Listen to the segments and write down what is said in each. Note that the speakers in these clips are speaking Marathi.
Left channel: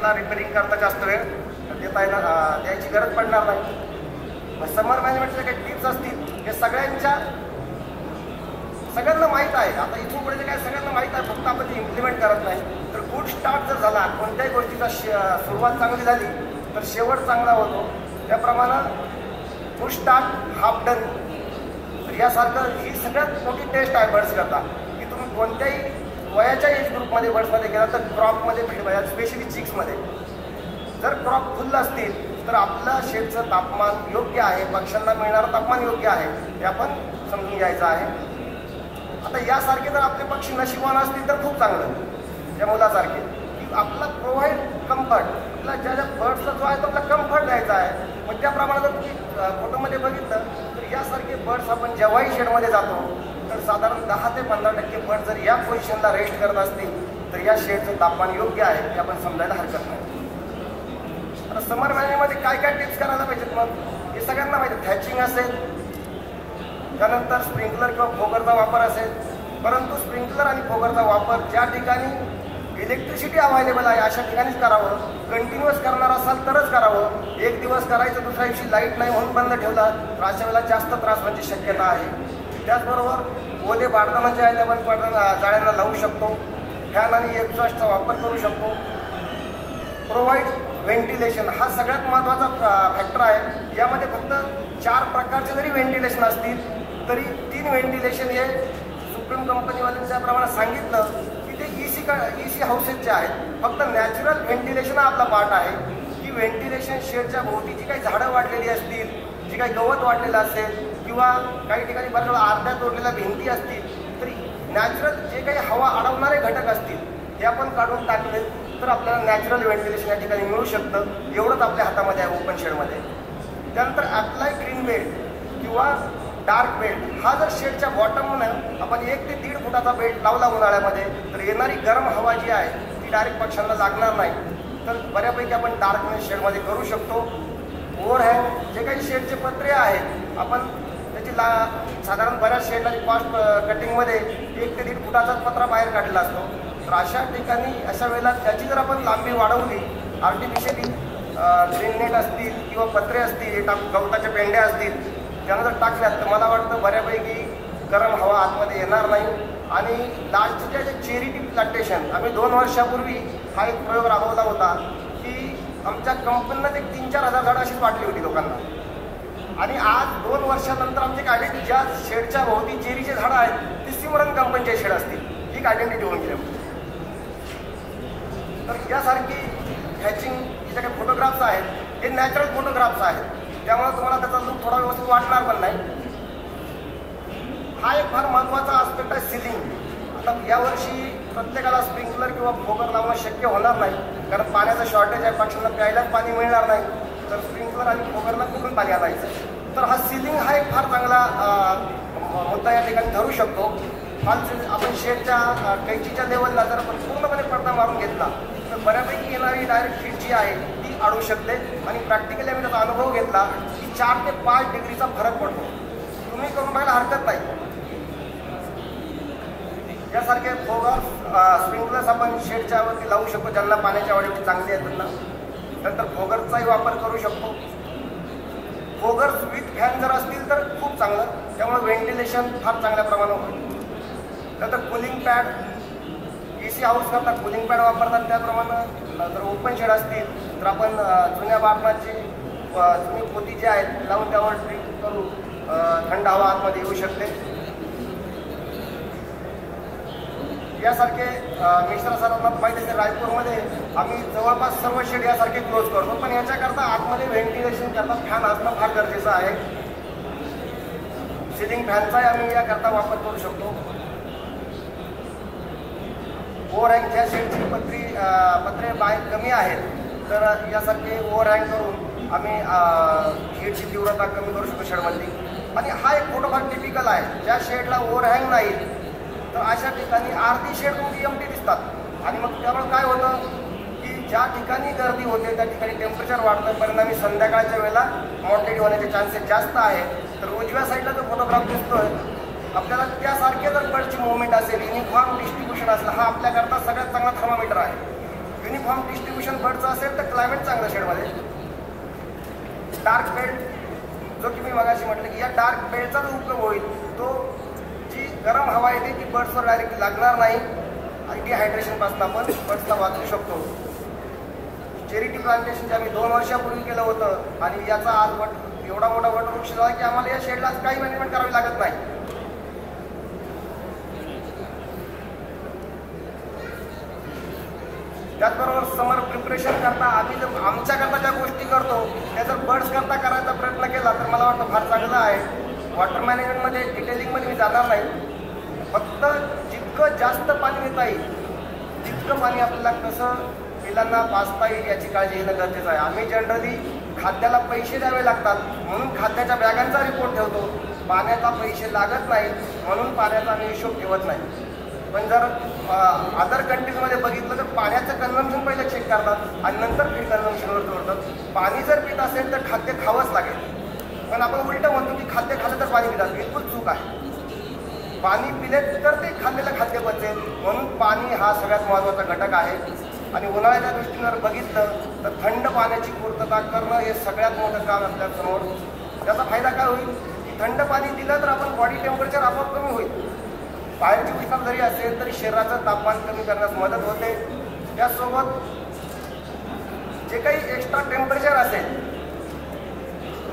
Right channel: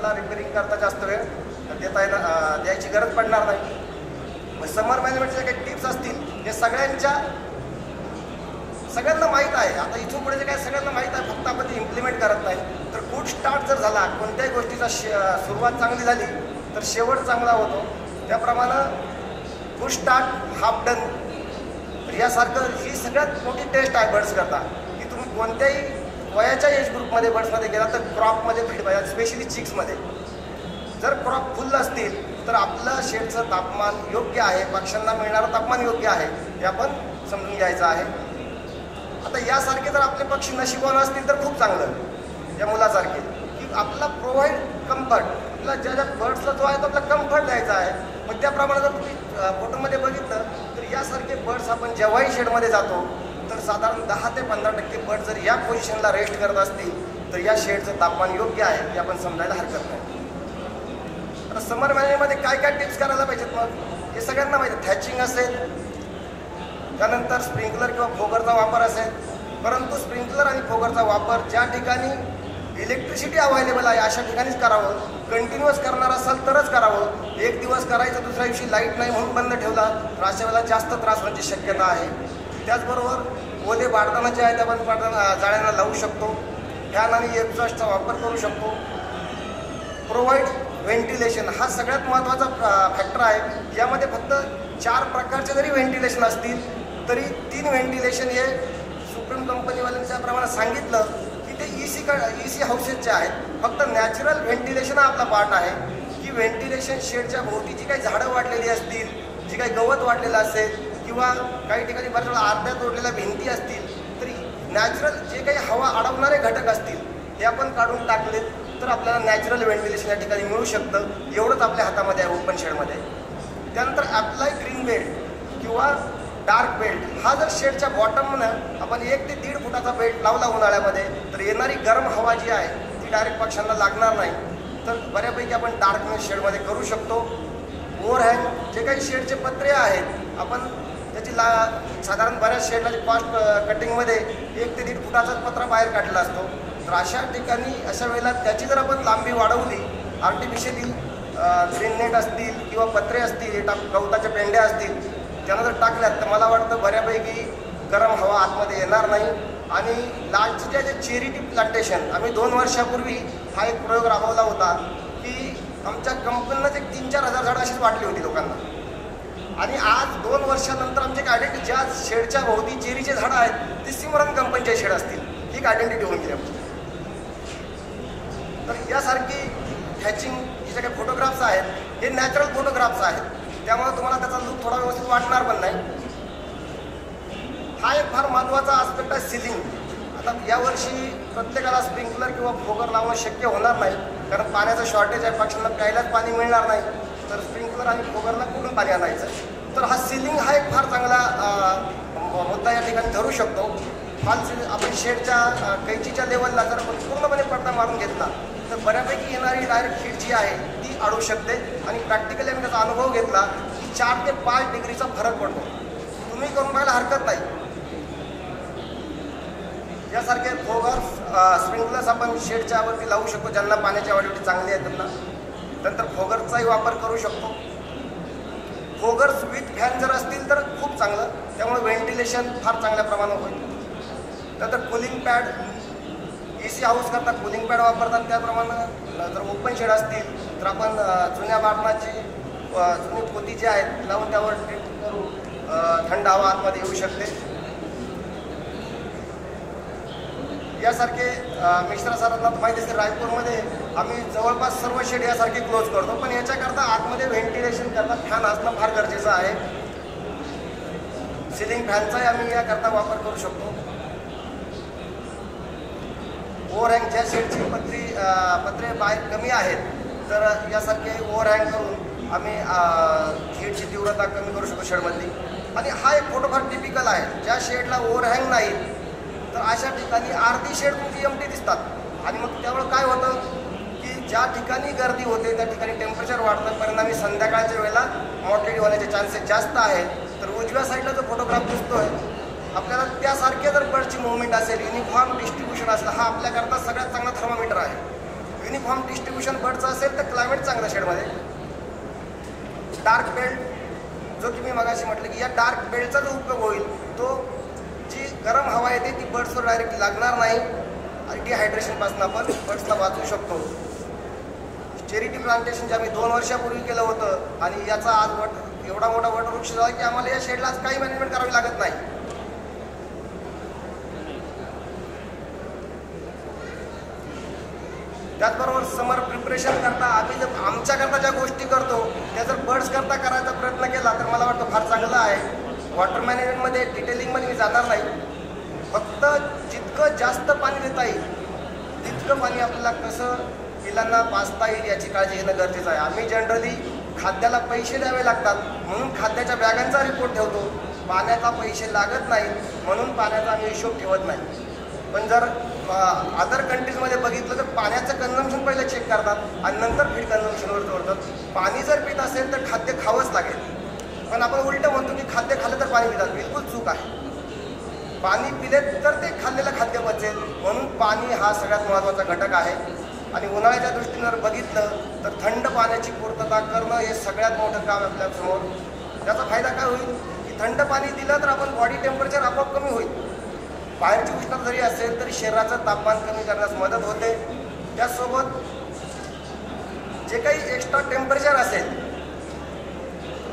आपला रिपेअरिंग करता जास्त वेळ द्यायची गरज पडणार नाही. समर मॅनेजमेंटच्या काही टिप्स असतील हे सगळ्यांना माहीत आहे. आता इथून पुढे जे काही सगळ्यांना माहीत आहे, फक्त आपण ते इम्प्लिमेंट करत नाही. तर गुड स्टार्ट जर झाला, कोणत्याही गोष्टीचा सुरुवात चांगली झाली तर शेवट चांगला होतो. त्याप्रमाणे गुड स्टार्ट हाफ डन यासारखं ही सगळ्यात मोठी टेस्ट आहे बर्ड्स करता, की तुम्ही कोणत्याही वयाच्या एज ग्रुपमध्ये बर्ड्समध्ये गेला तर क्रॉपमध्ये फीड, स्पेशली चिक्समध्ये जर क्रॉप फुल असतील तर आपलं शेडचं तापमान योग्य आहे, पक्ष्यांना मिळणारं तापमान योग्य आहे हे आपण समजून घ्यायचं आहे. आता यासारखे जर आपले पक्षी नशिबवान असतील तर खूप चांगलं, या मुलासारखे की आपला प्रोव्हाइड कम्फर्ट, आपला ज्या बर्ड्सला जो आहे तो आपला कम्फर्ट द्यायचा आहे. मग त्याप्रमाणे जर तुम्ही फोटोमध्ये बघितलं तर यासारखे बर्ड्स आपण जेव्हाही शेडमध्ये जातो तर साधारण 10 ते 15% बर्ड जर या पोझिशनला रेस्ट करत असतील तर या शेडचं तापमान योग्य आहे ते आपण समजायला हरकत नाही. आता समर मॅनेजमेंटमध्ये काय काय टिप्स करायला पाहिजेत मग हे सगळ्यांना माहिती. थॅचिंग असेल, त्यानंतर स्प्रिंकलर किंवा फोगरचा वापर असेल. परंतु स्प्रिंकलर आणि फोगरचा वापर ज्या ठिकाणी इलेक्ट्रिसिटी अवेलेबल आहे अशा ठिकाणीच करावं. कंटिन्युअस करणार असाल तरच करावं. एक दिवस करायचं दुसऱ्या दिवशी लाईट नाही म्हणून बंद ठेवला तर अशा वेळेला जास्त त्रास होण्याची शक्यता आहे. त्याचबरोबर ओले बाळताना जे आहे ते आपण जाळ्यांना लावू शकतो. फॅन आणि एक्झॉस्टचा वापर करू शकतो. प्रोव्हाइड व्हेंटिलेशन हा सगळ्यात महत्त्वाचा फॅक्टर आहे. यामध्ये फक्त 4 प्रकारचे जरी व्हेंटिलेशन असतील तरी 3 व्हेंटिलेशन हे सुप्रीम कंपनीवाल्यांच्या प्रमाणे सांगितलं की ते ईसी हाऊसेसचे आहेत. फक्त नॅचरल व्हेंटिलेशन हा आपला पार्ट आहे की व्हेंटिलेशन शेडच्या भोवती जी काही झाडं वाढलेली असतील, जी काही गवत वाढलेलं असेल किंवा काही ठिकाणी बऱ्याच वेळा अर्ध्या तोडलेल्या भिंती असतील तरी नॅचरल जे काही हवा अडवणारे घटक असतील हे आपण काढून टाकले तर आपल्याला नॅचरल व्हेंटिलेशन या ठिकाणी मिळू शकतं. एवढंच आपल्या हातामध्ये आहे ओपन शेडमध्ये. त्यानंतर अप्लाय ग्रीन बेल्ट किंवा डार्क बेल्ट हा जर शेडच्या बॉटमनं आपण 1 ते 1.5 फुटाचा बेल्ट लावला उन्हाळ्यामध्ये तर येणारी गरम हवा जी आहे ती डायरेक्ट पक्ष्यांना लागणार नाही. तर बऱ्यापैकी आपण डार्कनेस शेडमध्ये करू शकतो. ओव्हरहँग जे काही शेडचे पत्रे आहेत आपण त्याची साधारण बऱ्याच शेडला कॉस्ट कटिंगमध्ये 1 ते 1.5 फुटाचा पत्रा बाहेर काढला असतो. तर अशा ठिकाणी अशा वेळेला त्याची जर आपण लांबी वाढवली, आर्टिफिशियली ग्रीन नेट असतील किंवा पत्रे असतील, गवताच्या पेंड्या असतील त्याला जर टाकल्यात तर मला वाटतं बऱ्यापैकी गरम हवा आतमध्ये येणार नाही. आणि लास्टचे जे चेरी टी प्लांटेशन आम्ही 2 वर्षापूर्वी हा एक प्रयोग राबवला होता की आमच्या कंपनीनं एक 3-4 हजार झाडं अशीच वाटली होती लोकांना. आणि आज 2 वर्षानंतर आमची आयडेंटिटी ज्या शेडच्या भोवती चेरीचे झाडं आहेत ते सिमरन कंपनीचे शेड असतील, ही आयडेंटिटी होऊन गेली. तर यासारखी हॅचिंग जे काही फोटोग्राफ्स आहेत हे नॅचरल फोटोग्राफ्स आहेत, त्यामुळे तुम्हाला त्याचा लुक थोडा व्यवस्थित वाटणार पण नाही. हा एक फार महत्त्वाचा आस्पेक्ट आहे सिलिंग. आता यावर्षी प्रत्येकाला स्प्रिंकलर किंवा फोगर लावणं शक्य होणार नाही कारण पाण्याचं शॉर्टेज आहे, पक्ष्यांना प्यायलाच पाणी मिळणार नाही. तर स्प्रिंकलर आणि फोगरला कुठून पाणी आणायचं आहे. तर हा सिलिंग हा एक फार चांगला मुद्दा या ठिकाणी धरू शकतो. आपण शेडच्या कैचीच्या लेवलला जर आपण पूर्णपणे पडदा मारून घेतला तर बऱ्यापैकी येणारी डायरेक्ट हीट जी आहे ती अडू शकते. आणि प्रॅक्टिकली आम्ही त्याचा अनुभव घेतला की 4 ते 5 डिग्रीचा फरक पडतो. तुम्ही करून पाहायला हरकत नाही. यासारखे फोगर स्प्रिंकलर्स आपण शेडच्या वरती लावू शकतो ज्यांना पाण्याची आवड एवढी चांगली आहे त्यांना. नंतर फोगरचाही वापर करू शकतो. फोगर्स विथ फॅन जर असतील तर खूप चांगलं, त्यामुळे व्हेंटिलेशन फार चांगल्या प्रमाणात होईल. नंतर कूलिंग पॅड, ईसी हाऊस करता कूलिंग पॅड वापरतात. त्याप्रमाणे जर ओपन शेड असतील तर आपण जुन्या बाटणाची जुनी पोती जी आहेत लावून त्यावर ड्रिंक करून थंड हवा आतमध्ये येऊ शकते. यासारखे मिश्र सरांना माहिती असेल रायपूरमध्ये आम्ही जवळपास सर्व शेड यासारखे क्लोज करतो. पण याच्याकरता आतमध्ये व्हेंटिलेशन करता फॅन असणं फार गरजेचं आहे. सिलिंग फॅनचाही आम्ही याकरता वापर करू शकतो. ओव्हरहँग ज्या शेडची पत्रे बाहेर कमी आहेत तर यासारखे ओव्हरहँग करून आम्ही हीटची तीव्रता कमी करू शकतो शेडमधली. आणि हा एक फोटो फार टिपिकल आहे. ज्या शेडला ओव्हरहँग नाही तर अशा ठिकाणी अर्धी शेड तुमची एम्प्टी दिसतात. आणि मग त्यामुळे काय होतं की ज्या ठिकाणी गर्दी होते त्या ठिकाणी टेम्परेचर वाढतं. परिणामी संध्याकाळच्या वेळेला मॉर्टेलिटी होण्याचे चान्सेस जास्त आहेत. तर उजव्या साईडला जो फोटोग्राफ दिसतोय आपल्याला त्यासारखे जर बर्डची मुवमेंट असेल, युनिफॉर्म डिस्ट्रीब्युशन असेल, हा आपल्याकरता सगळ्यात चांगला थर्मामीटर आहे. युनिफॉर्म डिस्ट्रीब्युशन बर्डचं असेल तर क्लायमेट चांगलं शेडमध्ये. डार्क बेल्ट जो की मी मगाशी म्हटलं की या डार्क बेल्टचा जो उपयोग होईल तो जी गरम हवा येते ती बर्ड्सवर डायरेक्टली लागणार नाही आणि डिहायड्रेशनपासून आपण बर्ड्सला वाचवू शकतो. चेरिटी प्लांटेशन जे आम्ही 2 वर्षापूर्वी केलं होतं आणि याचा आज एवढा मोठा वटवृक्ष झाला की आम्हाला या शेडला काही मॅनेजमेंट करावी लागत नाही. त्याचबरोबर समर प्रिपरेशन करता आम्ही जर आमच्याकरता ज्या गोष्टी करतो त्या जर बर्ड्स करता करायचा प्रयत्न केला तर मला वाटतं फार चांगलं आहे. वॉटर मॅनेजमेंटमध्ये डिटेलिंगमध्ये मी जाणार नाही. फक्त जितकं जास्त पाणी देता येईल तितकं पाणी आपल्याला कसं पिलांना पाजता येईल याची काळजी घेणं गरजेचं आहे. आम्ही जनरली खाद्याला पैसे द्यावे लागतात म्हणून खाद्याच्या बॅगांचा रिपोर्ट ठेवतो. पाण्याचा पैसे लागत नाही म्हणून पाण्याचा आम्ही हिशोब ठेवत नाही. पण जर अदर कंट्रीजमध्ये बघितलं तर पाण्याचं कन्झम्पशन पहिलं चेक करतात आणि नंतर फीड कन्झम्पशनवर जोडतात. पाणी जर पित असेल तर खाद्य खावंच लागेल. पण आपण उलटं म्हणतो की खाद्य खाल्लं तर पाणी पितात. बिलकुल चूक आहे. पाणी पिले तर ते खाल्लेलं खाद्य पचेल. म्हणून पाणी हा सगळ्यात महत्त्वाचा घटक आहे. आणि उन्हाळ्याच्या दृष्टीनं जर बघितलं तर थंड पाण्याची पूर्तता करणं हे सगळ्यात मोठं काम आपल्यासमोर. त्याचा फायदा काय होईल की थंड पाणी दिलं तर आपण बॉडी टेम्परेचर आपोआप कमी होईल. बाहेरची उष्णता जरी असेल तरी शरीराचं तापमान कमी करण्यास मदत होते. त्यासोबत जे काही एक्स्ट्रा टेम्परेचर असेल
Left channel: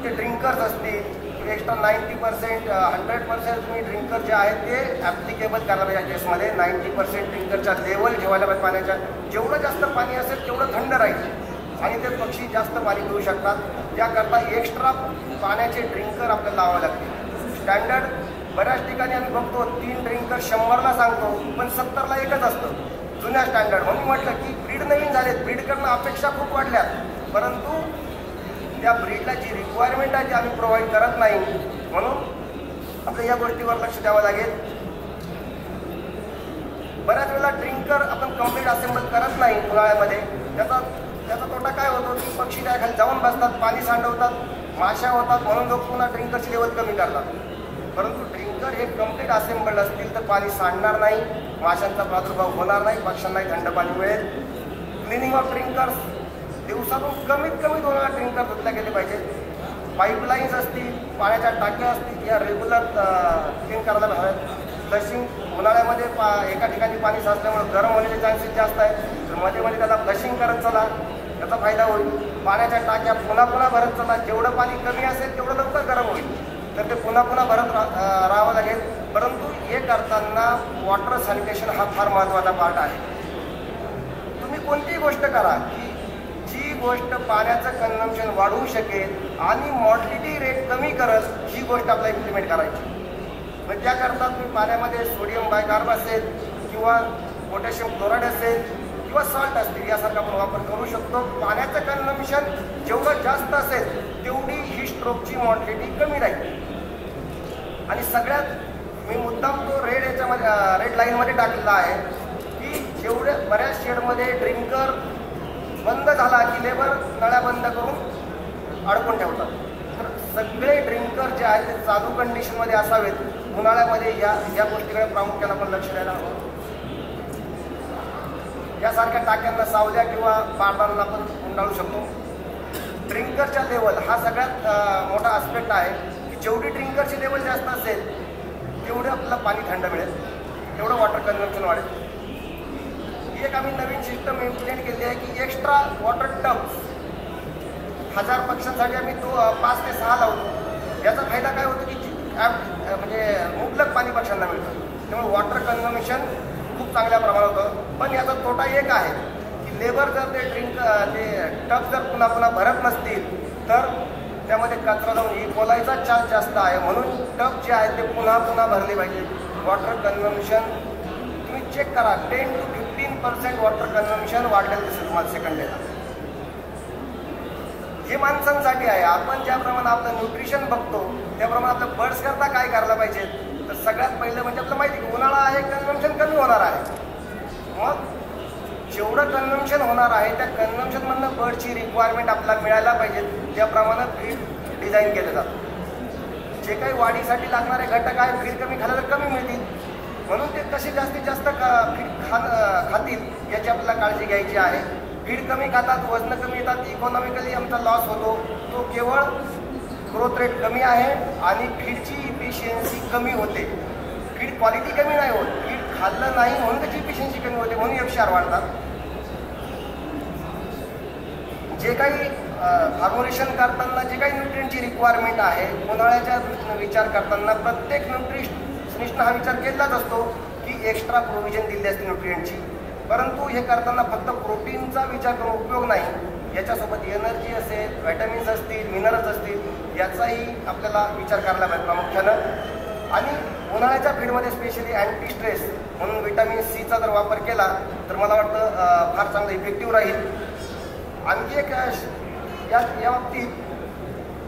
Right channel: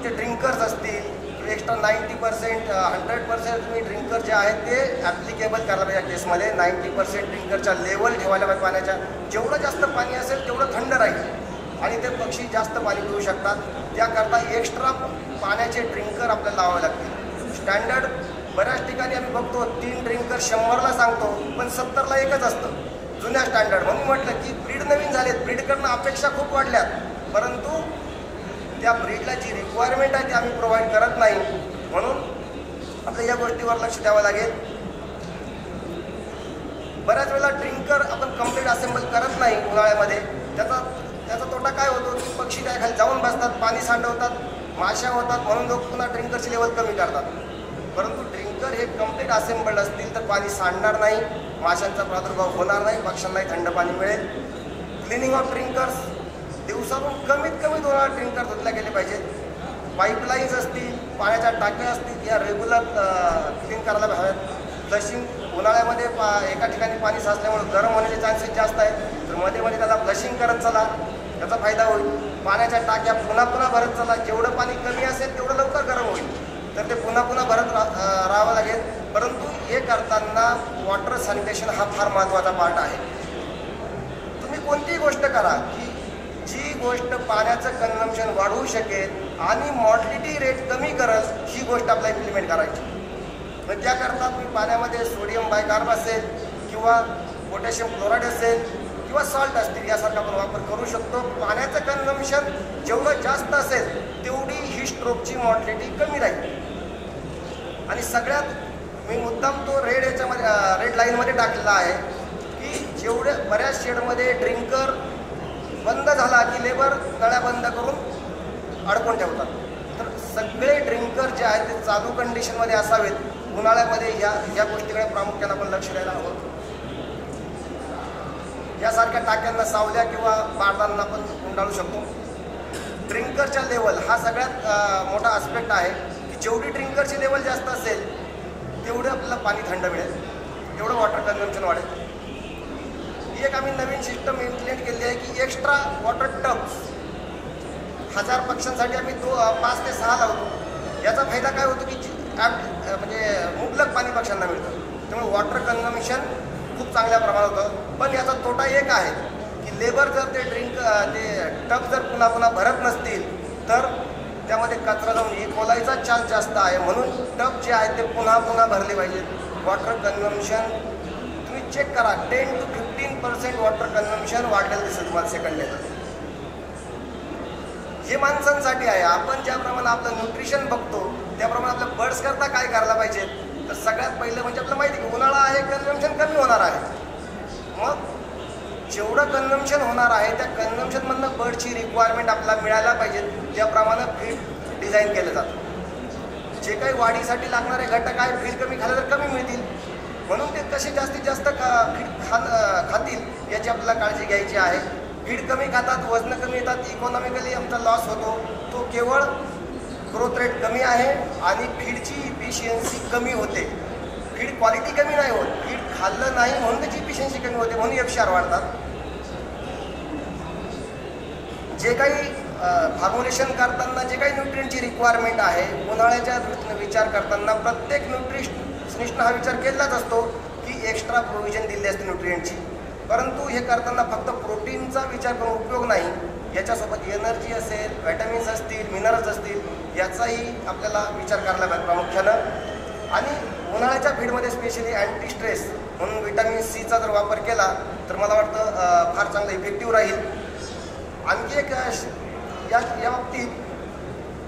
ते ड्रिंकर्स असतील एक्स्ट्रा 90% 100% तुम्ही ड्रिंकर जे आहेत ते ॲप्लिकेबल करायला पाहिजे. या केसमध्ये 90% ड्रिंकरच्या लेवल ठेवायला पाहिजे पाण्याच्या. जेवढं जास्त पाणी असेल तेवढं थंड राहील आणि ते पक्षी जास्त पाणी पिऊ शकतात. त्याकरता एक्स्ट्रा पाण्याचे ड्रिंकर आपल्याला लावावे लागतील. स्टँडर्ड बऱ्याच ठिकाणी आम्ही बघतो 3 ड्रिंकर 100ला सांगतो पण 70ला एकच असतं जुन्या स्टँडर्ड. म्हणून म्हटलं की ब्रीड नवीन झालेत, ब्रीड करणं अपेक्षा खूप वाढल्यात परंतु त्या ब्रीडला जी रिक्वायरमेंट आहे ती आम्ही प्रोव्हाइड करत नाही. म्हणून आपल्या या गोष्टीवर लक्ष द्यावं लागेल. बऱ्याच वेळेला ड्रिंकर आपण कम्प्लीट असेंबल करत नाही उन्हाळ्यामध्ये. त्याचा तोटा काय होतो की पक्षी त्याखाली जाऊन बसतात, पाणी सांडवतात, माशा होतात म्हणून लोक पुन्हा ड्रिंकरची लेवल कमी करतात. परंतु ड्रिंकर हे कम्प्लीट असेंबल्ड असतील तर पाणी सांडणार नाही, माशांचा प्रादुर्भाव होणार नाही, पक्ष्यांनाही थंड पाणी मिळेल. क्लिनिंग ऑफ ड्रिंकर्स दिवसातून कमीत कमी 2 वेळा ड्रिंकर धुतल्या गेले पाहिजे. पाईपलाईन्स असतील, पाण्याच्या टाक्या असतील या रेग्युलर क्लीन करायला हव्यात. फ्लशिंग उन्हाळ्यामध्ये एका ठिकाणी पाणी साचल्यामुळे गरम होण्याचे चान्सेस जास्त आहेत तर मध्ये मध्ये त्याला फ्लशिंग करत चला, त्याचा फायदा होईल. पाण्याच्या टाक्या पुन्हा भरत चला. जेवढं पाणी कमी असेल तेवढं लवकर गरम होईल तर ते पुन्हा भरत राहावं लागेल. परंतु हे करताना वॉटर सॅनिटेशन हा फार महत्त्वाचा पार्ट आहे. तुम्ही कोणतीही गोष्ट करा की जी गोष्ट पाण्याचं कन्झम्पशन वाढवू शकेल आणि मॉर्टिलिटी रेट कमी करेल ही गोष्ट आपल्याला इम्प्लिमेंट करायची. मग त्याकरता तुम्ही पाण्यामध्ये सोडियम बायकार्ब असेल किंवा पोटॅशियम क्लोराईड असेल किंवा सॉल्ट असतील यासारखा आपण वापर करू शकतो. पाण्याचं कन्झम्पशन जेवढं जास्त असेल तेवढी ही स्ट्रोकची मॉर्टिलिटी कमी राहील. आणि सगळ्यात मी मुद्दाम तो रेड लाईनमध्ये टाकलेला आहे की जेवढे बऱ्याच शेडमध्ये ड्रिंकर बंद झाला की लेबर नळ्या बंद करून अडकून ठेवतात. तर सगळे ड्रिंकर जे आहेत ते चालू कंडिशनमध्ये असावेत. उन्हाळ्यामध्ये या गोष्टीकडे प्रामुख्याने आपण लक्ष द्यायला हवं. यासारख्या टाक्यांना सावल्या किंवा बारदांना आपण गुंडाळू शकतो. ड्रिंकरच्या लेवल हा सगळ्यात मोठा आस्पेक्ट आहे की जेवढी ड्रिंकरची लेवल जास्त असेल तेवढं आपल्याला पाणी थंड मिळेल, तेवढं वॉटर कन्झम्पशन वाढेल. एक आम्ही नवीन सिस्टम इम्प्लिमेंट केली आहे की एक्स्ट्रा वॉटर टब्स 1000 पक्ष्यांसाठी आम्ही 5 ते 6 लावतो. याचा फायदा काय होतो की म्हणजे मुबलक पाणी पक्ष्यांना मिळतं. त्यामुळे वॉटर कन्झम्पशन खूप चांगल्या प्रमाणात होतं. पण याचा तोटा एक आहे की लेबर जर ते टब जर पुन्हा भरत नसतील तर त्यामध्ये कचरा जाऊन इकोलायचा चान्स जास्त आहे. म्हणून टब जे आहेत ते पुन्हा भरले पाहिजे. वॉटर कन्झम्पशन तुम्ही चेक करा 10 to 15% वॉटर कन्झम्पशन वाढलेलं दिसेल तुम्हाला सेकंड डेला. हे माणसांसाठी आहे. आपण ज्याप्रमाणे आपलं न्यूट्रिशन बघतो त्याप्रमाणे आपल्या बर्ड्स करता काय करायला पाहिजे तर सगळ्यात पहिलं म्हणजे आपल्याला माहिती की उन्हाळा आहे, कन्झम्पशन कमी होणार आहे. मग जेवढं कन्झम्पशन होणार आहे त्या कन्झम्पशनमधनं बर्डची रिक्वायरमेंट आपल्याला मिळायला पाहिजे. त्याप्रमाणे फीड डिझाईन केलं जातं. जे काही वाढीसाठी लागणारे घटक आहे फीड कमी खाल्लं तर कमी मिळतील. म्हणून ते कसे जास्तीत जास्त फीड खातील याची आपल्याला काळजी घ्यायची आहे. फीड कमी खातात, वजन कमी येतात, इकॉनॉमिकली आमचा लॉस होतो. तो केवळ ग्रोथ रेट कमी आहे आणि फीडची इफिशियन्सी कमी होते. फीड क्वालिटी कमी नाही होत, फीड खाल्लं नाही म्हणून त्याची इफिशियन्सी कमी होते, म्हणून FCR वाढतात. जे काही फॉर्म्युलेशन करताना जे काही न्यूट्रिएंटची रिक्वायरमेंट आहे, उन्हाळ्याच्या दृष्टीने विचार करताना प्रत्येक न्यूट्रिशनिस्टनं हा विचार केलाच असतो की एक्स्ट्रा प्रोव्हिजन दिली असते न्यूट्रिएंटची. परंतु हे करताना फक्त प्रोटीनचा विचार करून उपयोग नाही, याच्यासोबत एनर्जी असेल, व्हिटॅमिन्स असतील, मिनरल्स असतील, याचाही आपल्याला विचार करायला पाहिजे प्रामुख्यानं. आणि उन्हाळ्याच्या फीडमध्ये स्पेशली अँटी स्ट्रेस म्हणून व्हिटॅमिन सीचा जर वापर केला तर मला वाटतं फार चांगला इफेक्टिव्ह राहील. आणखी एक या बाबतीत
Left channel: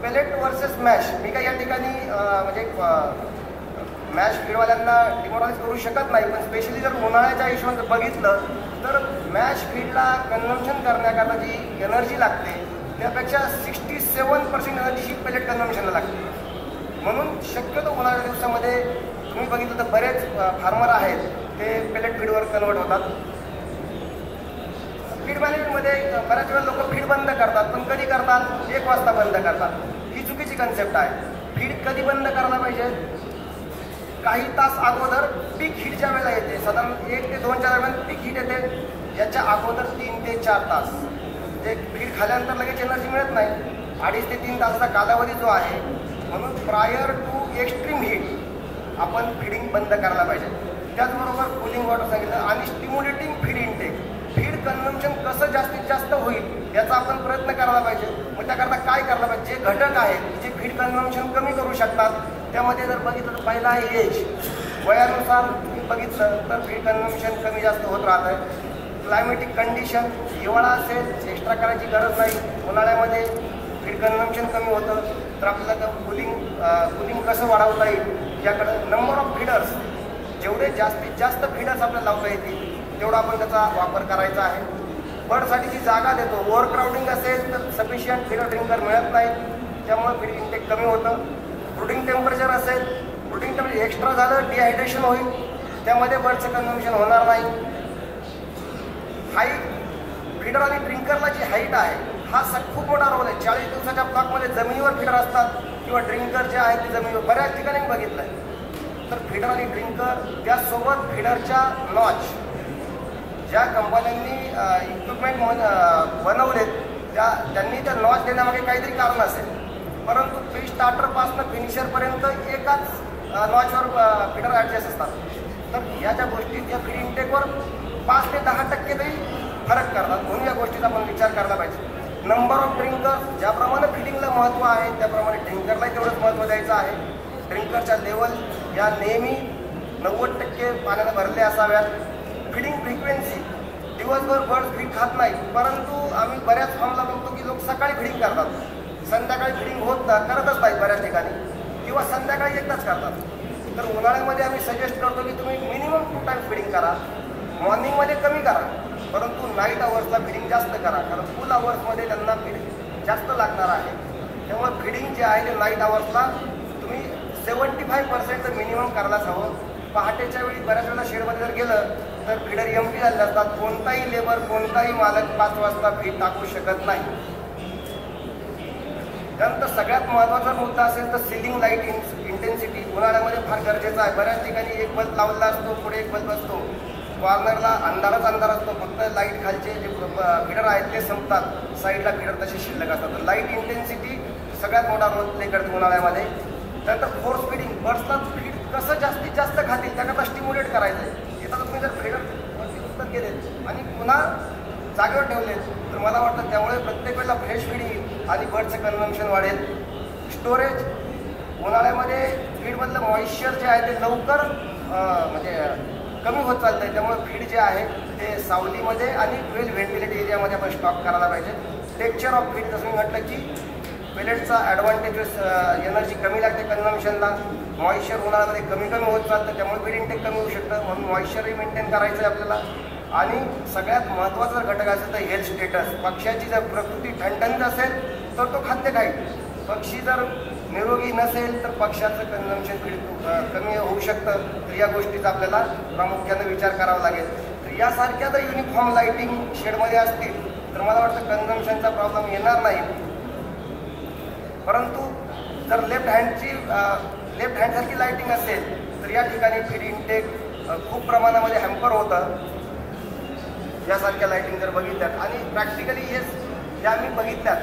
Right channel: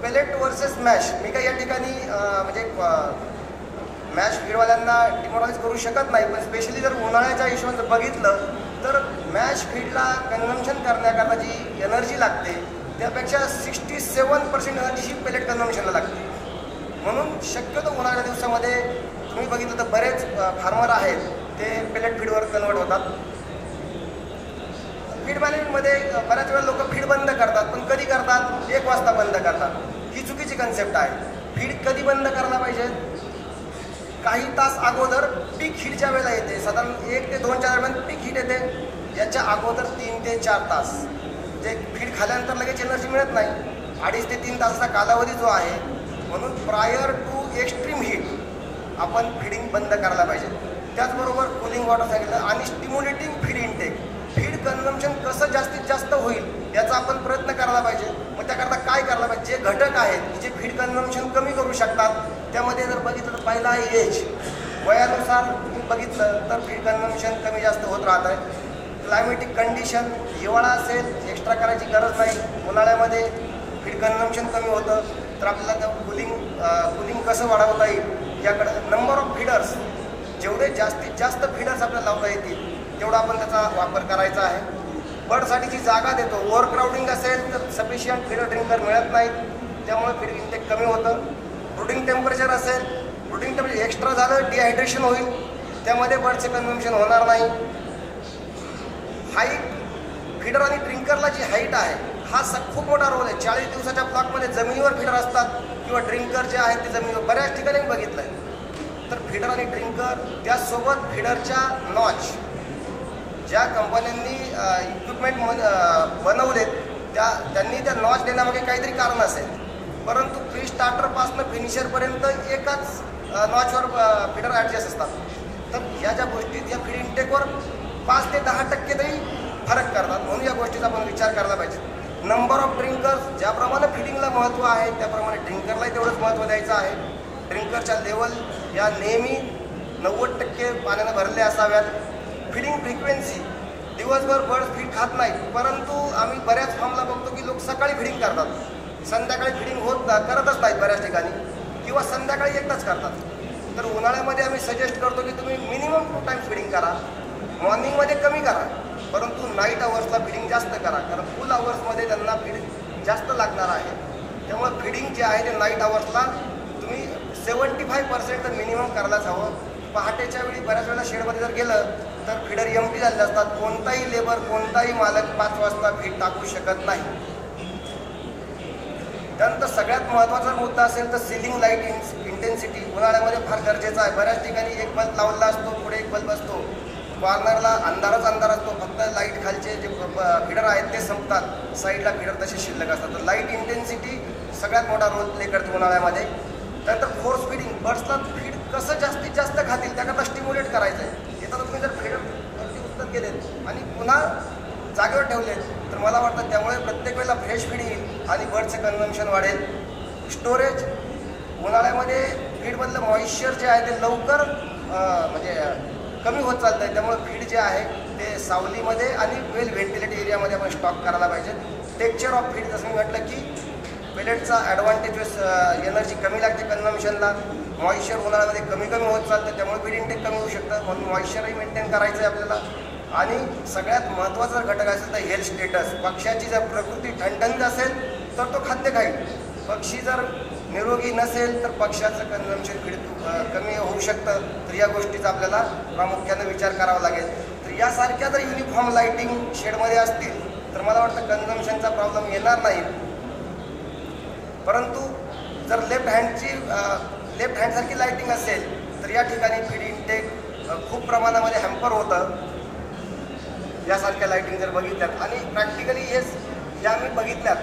पेलेट वर्सेस मॅश, मी काही या ठिकाणी म्हणजे मॅश फीडवाल्यांना डिमोरलाइज करू शकत नाही, पण स्पेशली जर उन्हाळ्याच्या हिशोबाने बघितलं तर मॅश फीडला कन्झम्पशन करण्याकरता जी एनर्जी लागते त्यापेक्षा 67% एनर्जी पेलेट कन्झम्पशनला लागते. म्हणून शक्यतो उन्हाळ्याच्या दिवसामध्ये तुम्ही बघितलं तर बरेच फार्मर आहेत ते पेलेट फीडवर कन्वर्ट होतात. फीड मॅनेजमेंटमध्ये बऱ्याच वेळा लोक फीड बंद करतात, पण कधी करतात? 1 वाजता बंद करतात. ही चुकीची कन्सेप्ट आहे. फीड कधी बंद करायला पाहिजे? काही तास अगोदर पीक हीटच्या वेळेला येते, साधारण 1 ते 2च्या दरम्यान पीक हीट येते. याच्या अगोदर 3 ते 4 तास जे फीड खाल्यानंतर लगेच एनर्जी मिळत नाही, 2.5 ते 3 तासाचा कालावधी जो आहे, म्हणून प्रायर टू एक्स्ट्रीम हीट आपण फीडिंग बंद करायला पाहिजे. त्याचबरोबर कूलिंग वॉटर सांगितलं आणि stimulating feed intake. Feed consumption कसं जास्तीत जास्त होईल याचा आपण प्रयत्न करायला पाहिजे. मग त्याकरता काय करायला पाहिजे? जे घटक आहेत जे फीड कन्झम्पशन कमी करू शकतात त्यामध्ये जर बघितलं तर पहिला आहे एज. वयानुसार बघितलं तर फीड कन्झम्पशन कमी जास्त होत राहत आहे. क्लायमेटिक कंडिशन, हिवाळा असेल एक्स्ट्रा करायची गरज नाही, उन्हाळ्यामध्ये फीड कन्झम्पशन कमी होतं, तर आपल्याला कुलिंग कसं वाढवता येईल याकडं. नंबर ऑफ फीडर्स, जेवढे जास्तीत जास्त फीडर्स आपल्याला लावता येतील तेवढा आपण त्याचा वापर करायचा आहे. बर्डसाठीची जागा देतो. ओव्हरक्राउडिंग असेल तर सफिशियंट फीडर ड्रिंकर मिळत नाही, त्यामुळे फीड इंटेक कमी होतं. ब्रूडिंग टेम्परेचर असेल, ब्रूडिंग टेम्परेचर एक्स्ट्रा झालं डिहायड्रेशन होईल, त्यामध्ये बर्डचं कन्झम्पशन होणार नाही. हाईट, फीडर आणि ड्रिंकरला जी हाईट आहे हा खूप मोठा रोल आहे. 40 दिवसाच्या ब्लॉकमध्ये जमिनीवर फीडर असतात किंवा ड्रिंकर जे आहेत ते जमिनीवर बऱ्याच ठिकाणी बघितलं आहे. तर फीडर आणि ड्रिंकर त्यासोबत फीडरच्या नॉच, ज्या कंपन्यांनी इक्विपमेंट बनवलेत त्यांनी त्या नॉच देण्यामागे काहीतरी कारण असेल, परंतु प्री स्टार्टरपासून फिनिशरपर्यंत एकाच नॉचवर फीडर ॲडजस्ट असतात. तर ह्या ज्या गोष्टीत या फीड इंटेकवर 5 ते 10% तरी फरक करतात, म्हणून या गोष्टीचा आपण विचार करायला पाहिजे. नंबर ऑफ ड्रिंकर्स, ज्याप्रमाणे फिडिंगला महत्त्व आहे त्याप्रमाणे ड्रिंकरलाही तेवढंच महत्त्व द्यायचं आहे. ड्रिंकरच्या लेवल या नेहमी 90% पाण्यानं भरले असाव्यात. फिडिंग फ्रिक्वेन्सी, दिवसभर बर्ड फीड खात नाहीत, परंतु आम्ही बऱ्याच फार्मला बघतो की लोक सकाळी फिडिंग करतात, संध्याकाळी फिडिंग करतच नाहीत बऱ्याच ठिकाणी, किंवा संध्याकाळी एकदाच करतात. तर उन्हाळ्यामध्ये आम्ही सजेस्ट करतो की तुम्ही मिनिमम 2 टाइम्स फिडिंग करा. मॉर्निंगमध्ये कमी करा, परंतु नाईट अवर्सला फिडिंग जास्त करा, कारण फुल अवर्समध्ये त्यांना फीड जास्त लागणार आहे. त्यामुळे फिडिंग जे आहे ते नाईट अवर्सला तुम्ही 75% तर मिनिमम करायलाच हवं. पहाटेच्या वेळी बऱ्याच वेळेला शेडमध्ये जर गेलं तर फीडर एम्प्टी झालेले असतात. कोणताही लेबर, कोणताही मालक 5 वाजता फीड टाकू शकत नाही. त्यानंतर सगळ्यात महत्त्वाचा मुद्दा असेल तर सिलिंग लाईट इंटेन्सिटी उन्हाळ्यामध्ये फार गरजेचा आहे. बऱ्याच ठिकाणी एक बल्ब लावलेला असतो, पुढे एक बल्ब असतो, कॉर्नरला अंधारच अंधार असतो, फक्त लाईट खालचे जे फीडर आहेत ते संपतात, साईडला फीडर तसे शिल्लक असतात. तर लाईट इंटेन्सिटी सगळ्यात मोठा रोल प्ले करते उन्हाळ्यामध्ये. त्यानंतर फोर्स फीडिंग, बर्ड्सला फीड कसं जास्तीत जास्त खातील त्याकरता स्टिम्युलेट करायचं आहे. येतात तुम्ही जर फीडर उत्तर केलेत आणि पुन्हा जागेवर ठेवलेत तर मला वाटतं त्यामुळे प्रत्येक वेळेला फ्रेश फीड येईल आणि बर्डचं कन्झम्पशन वाढेल. स्टोरेज, उन्हाळ्यामध्ये फीडमधलं मॉइश्चर जे आहे ते लवकर म्हणजे कमी होत चालतं आहे, त्यामुळे फीड जे आहे ते सावलीमध्ये आणि वेल व्हेंटिलेटेड एरियामध्ये आपण स्टॉक करायला पाहिजे. टेक्स्चर ऑफ फीड, जसं मी म्हटलं की पेलेटचा ॲडव्हान्टेज एनर्जी कमी लागते कन्झम्पशनला, मॉइश्चर उन्हाळ्यामध्ये कमी होत चालतं, त्यामुळे फीड इंटेक कमी होऊ शकतं, म्हणून मॉइश्चरही मेंटेन करायचं आहे आपल्याला. आणि सगळ्यात महत्त्वाचा घटक असेल तर हेल्थ स्टेटस. पक्ष्याची जर प्रकृती ठणठणीत असेल तर तो खाद्य खाईल, पक्षी जर निरोगी नसेल तर पक्ष्याचं कन्झम्पशन फीड कमी होऊ शकतं. तर या गोष्टीचा आपल्याला प्रामुख्याने विचार करावा लागेल. तर यासारख्या जर युनिफॉर्म लाईटिंग शेडमध्ये असतील तर तर मला वाटतं कन्झम्पशनचा प्रॉब्लेम येणार नाही. परंतु जर लेफ्ट हँडसारखी लाईटिंग असेल तर या ठिकाणी फीड इनटेक खूप प्रमाणामध्ये हॅम्पर होतं. यासारख्या लाईटिंग जर बघितल्यात आणि प्रॅक्टिकली या आम्ही बघितल्यात.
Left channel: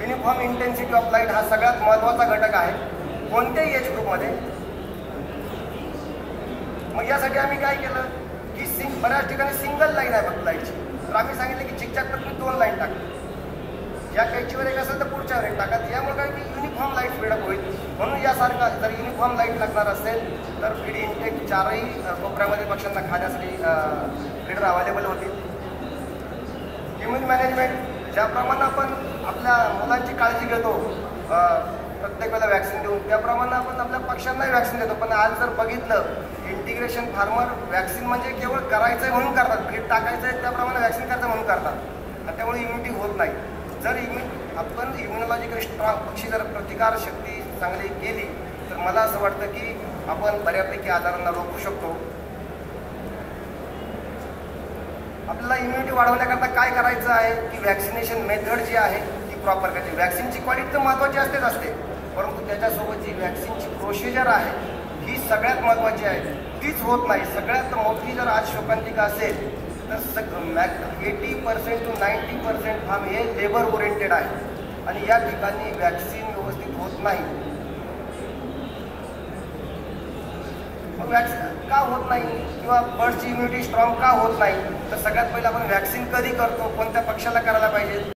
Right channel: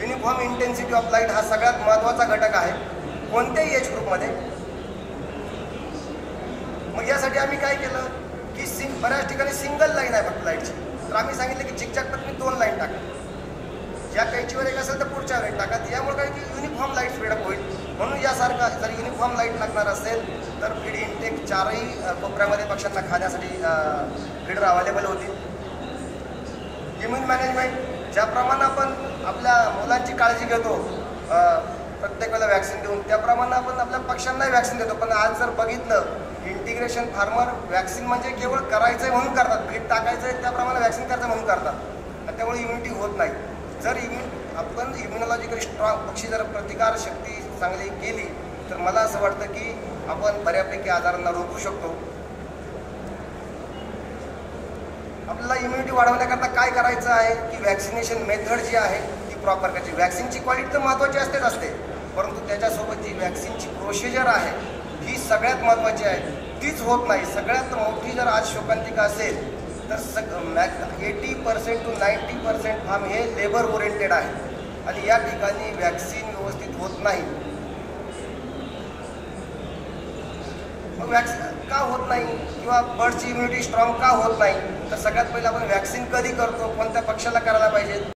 युनिफॉर्म इंटेन्सिटी ऑफ लाईट हा सगळ्यात महत्त्वाचा घटक आहे कोणत्याही एज ग्रुपमध्ये. मग यासाठी आम्ही काय केलं की बऱ्याच ठिकाणी सिंगल लाईन आहे फक्त लाईटची, तर आम्ही सांगितलं की चिकचाक तर तुम्ही 2 लाईन टाका. ज्या कैचीवर एक असेल तर पुढच्यावर एक टाका. यामुळे काय की युनिफॉर्म लाईट स्पीडअप होईल. म्हणून यासारखा जर युनिफॉर्म लाईट लागणार असेल तर फीड इनटेक 4ही कोपऱ्यामध्ये पक्ष्यांना खाण्यासाठी फीडर अवेलेबल होतील. इम्युन मॅनेजमेंट ज्याप्रमाणे आपण आपल्या मुलांची काळजी घेतो प्रत्येक वेळेला वॅक्सिन देऊन, त्याप्रमाणे आपण आपल्या पक्ष्यांनाही वॅक्सिन देतो. पण आज जर बघितलं इंटिग्रेशन फार्मर वॅक्सिन म्हणजे केवळ करायचं आहे म्हणून करतात, फीड टाकायचं आहे त्याप्रमाणे वॅक्सिन करायचं म्हणून करतात, आणि त्यामुळे इम्युनिटी होत नाही. जर आपण इम्युनॉलॉजिकल स्ट्रॉंग पक्षी जर प्रतिकार शक्ती चांगली केली तर मला असं वाटतं की आपण बऱ्यापैकी आजारांना रोखू शकतो. आपल्याला इम्युनिटी वाढवण्याकरता काय करायचं आहे की व्हॅक्सिनेशन मेथड जी आहे ती प्रॉपर करायची. व्हॅक्सिनची क्वालिटी तर महत्त्वाची असते, परंतु त्याच्यासोबत जी व्हॅक्सिनची प्रोसिजर आहे ही सगळ्यात महत्त्वाची आहे, तीच होत नाही. सगळ्यात मोठी जर आज शोकांतिका असेल तर 80% to 90% फार्म हे लेबर ओरिएंटेड आहे आणि या ठिकाणी व्हॅक्सिन व्यवस्थित होत नाही. मग वॅक्सिन का होत नाही किंवा बर्डची इम्युनिटी स्ट्रॉंग का होत नाही, तर सगळ्यात पहिलं आपण व्हॅक्सिन कधी करतो, कोणत्या पक्षाला करायला पाहिजे